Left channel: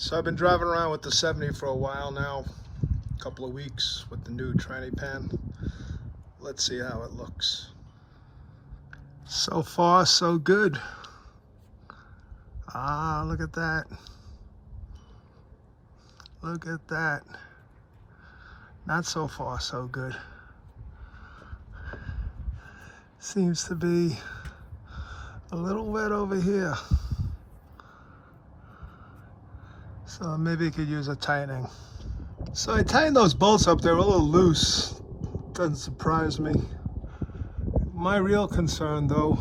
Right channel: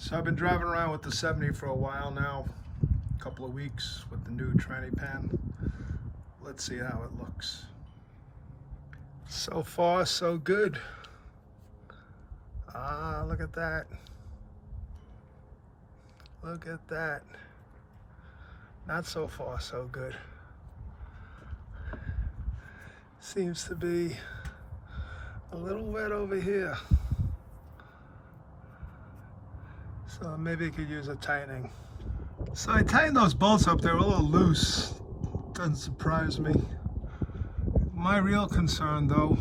So I've been driving around with the 70 for a while now, a couple of weeks with the new tranny pan. Let's see how it looks. So far, so good. Ah, look at that. Look at that. Not so far, so good. Seems to be a little wet over here. So maybe you could use a tightening. So I tightened those bolts up. They're a little loose. Doesn't surprise me. My real concern though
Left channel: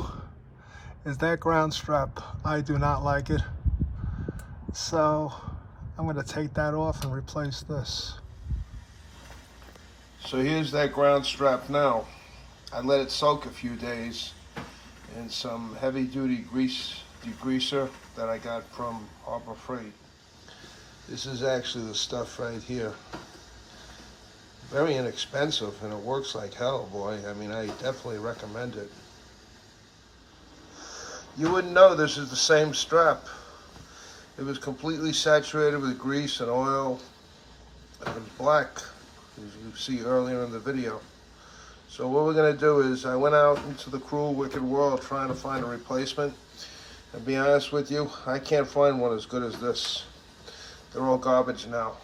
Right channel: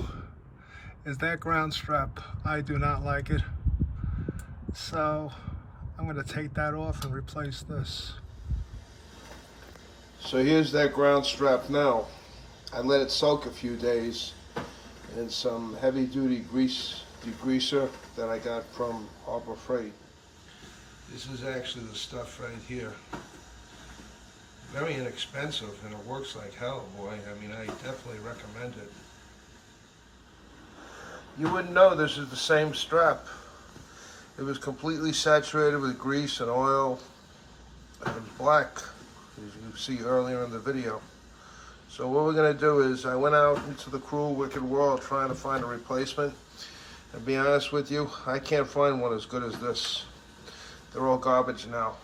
is that ground strap. I do not like it. So I'm gonna take that off and replace this. So here's that ground strap now. I let it soak a few days in some heavy duty degreaser that I got from Harbor Freight. This is actually the stuff right here. Very inexpensive and it works like hell, boy. I mean, I definitely recommend it. You wouldn't know this is the same strap. It was completely saturated with grease and oil, and it was black, as you see earlier in the video. So what we're gonna do is, I went out into the cruel, wicked world trying to find a replacement. And be honest with you, I can't find one as good as this. They're all garbage now.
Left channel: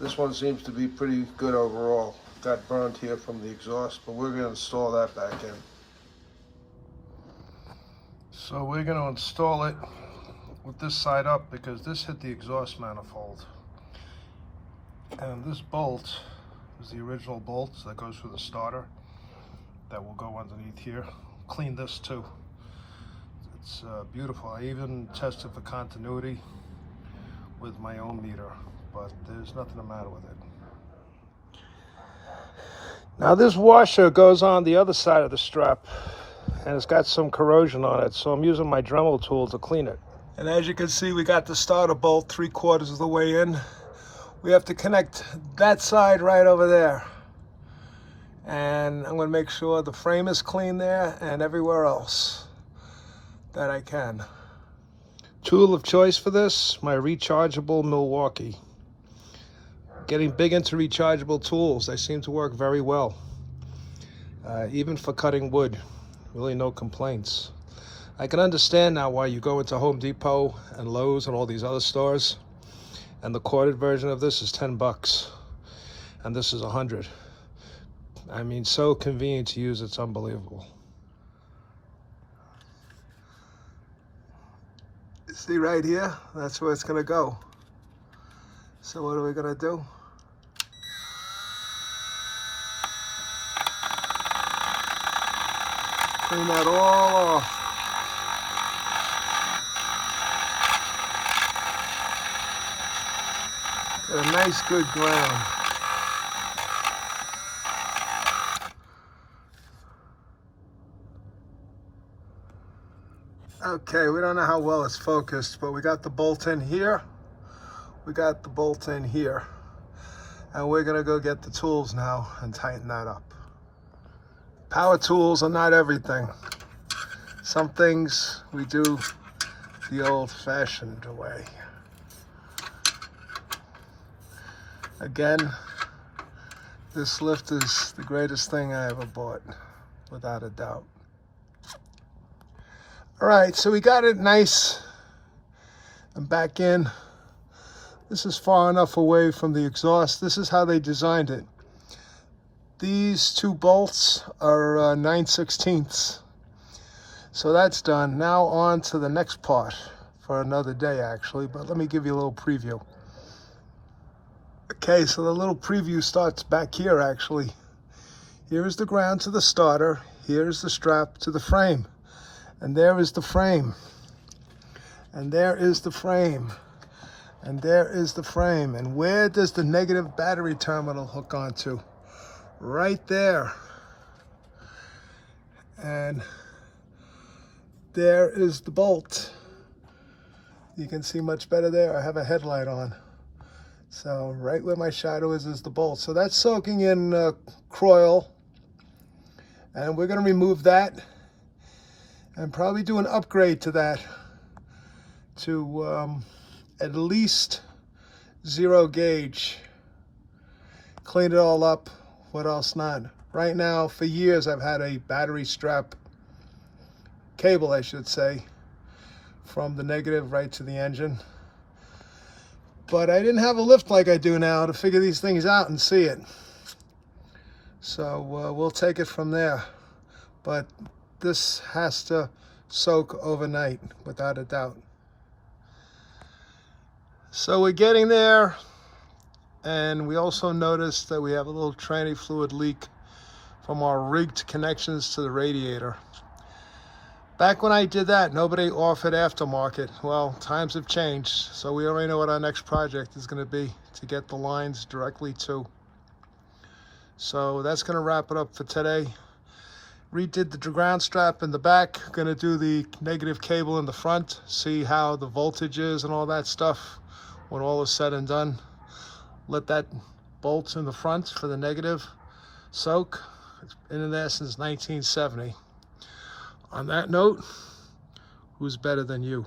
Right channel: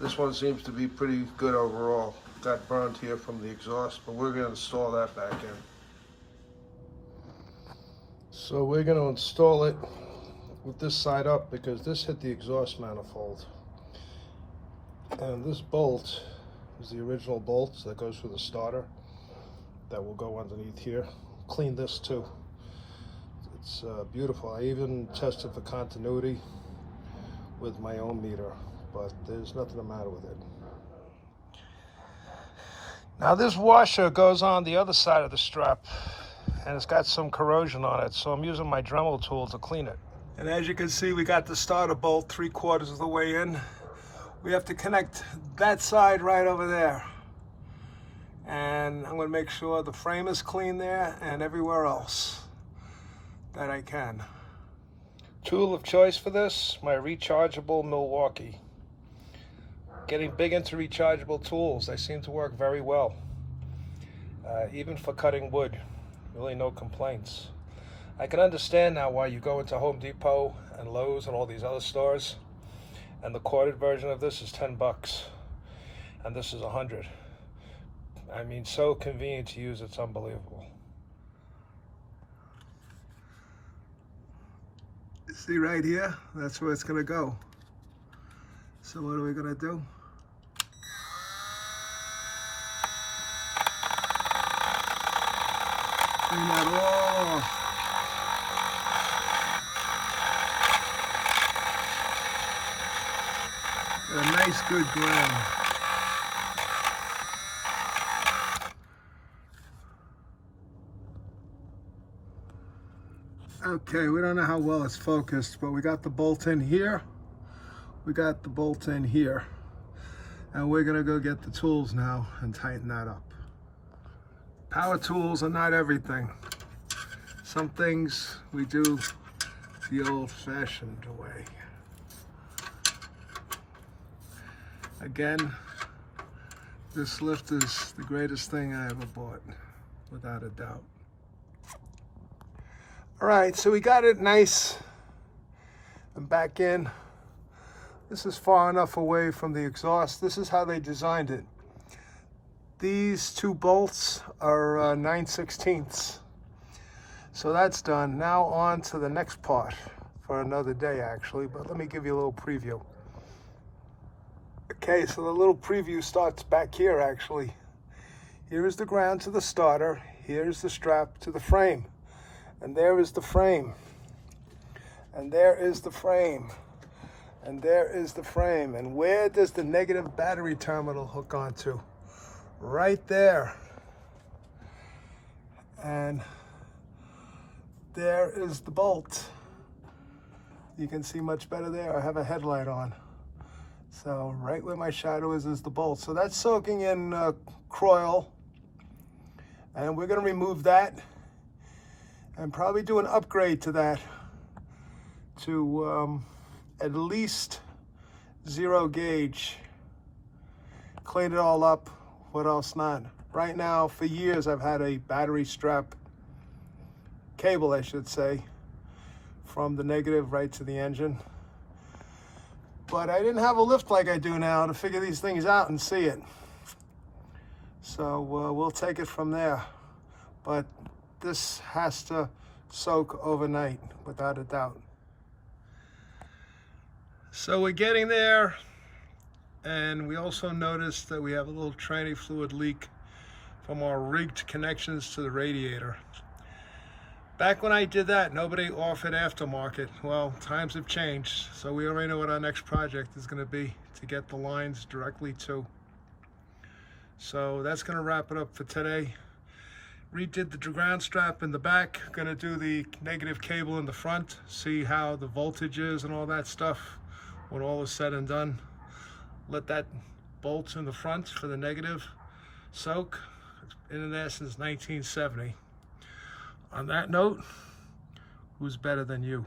This one seems to be pretty good overall. Got burned here from the exhaust, but we're gonna install that back in. So we're gonna install it with this side up because this hit the exhaust manifold. And this bolt is the original bolt that goes through the starter. That will go underneath here. Clean this too. It's beautiful. I even tested for continuity with my own meter, but there's nothing the matter with it. Now this washer goes on the other side of the strap and it's got some corrosion on it, so I'm using my Dremel tool to clean it. And as you can see, we got the starter bolt 3/4 of the way in. We have to connect that side right over there. And I'm gonna make sure the frame is clean there and everywhere else that I can. Tool of choice for this, my rechargeable Milwaukee. Getting big into rechargeable tools. They seem to work very well. Even for cutting wood, really no complaints. I can understand now why you go into Home Depot and Lowe's and all these other stores, and the corded version of this is 10 bucks, and this is 100. I mean, so convenient to use, it's unbelievable. See right here, that's where it's gonna go. So what are we gonna do? Clean that all off. Got a nice good ground. Okay, we don't know how well it's focused, but we got the bolt in here. We got the bolt in here. And we're gonna go get the tools now and tighten that up. Power tools are not everything. Some things we do the old-fashioned way. Again, this lift is the greatest thing I ever bought, without a doubt. All right, so we got it nice and back in. This is far enough away from the exhaust. This is how they designed it. These two bolts are 9/16. So that's done. Now on to the next part for another day actually, but let me give you a little preview. Okay, so the little preview starts back here actually. Here is the ground to the starter. Here's the strap to the frame. And there is the frame. And there is the frame. And there is the frame. And where does the negative battery terminal hook onto? Right there. And there is the bolt. You can see much better there. I have a headlight on. So right where my shadow is the bolt. So that's soaking in Croil. And we're gonna remove that and probably do an upgrade to that to at least 0 gauge. Cleaned it all up. What else not? Right now, for years, I've had a battery strap cable, I should say, from the negative right to the engine. But I didn't have a lift like I do now to figure these things out and see it. So we'll take it from there. But this has to soak overnight, without a doubt. So we're getting there. And we also noticed that we have a little tranny fluid leak from our rigged connections to the radiator. Back when I did that, nobody offered aftermarket. Well, times have changed, so we already know what our next project is going to be to get the lines directly to. So that's going to wrap it up for today. Redid the ground strap in the back. Going to do the negative cable in the front, see how the voltage is and all that stuff when all is said and done. Let that bolt in the front for the negative soak. It's been in there since 1970. On that note, who's better than you?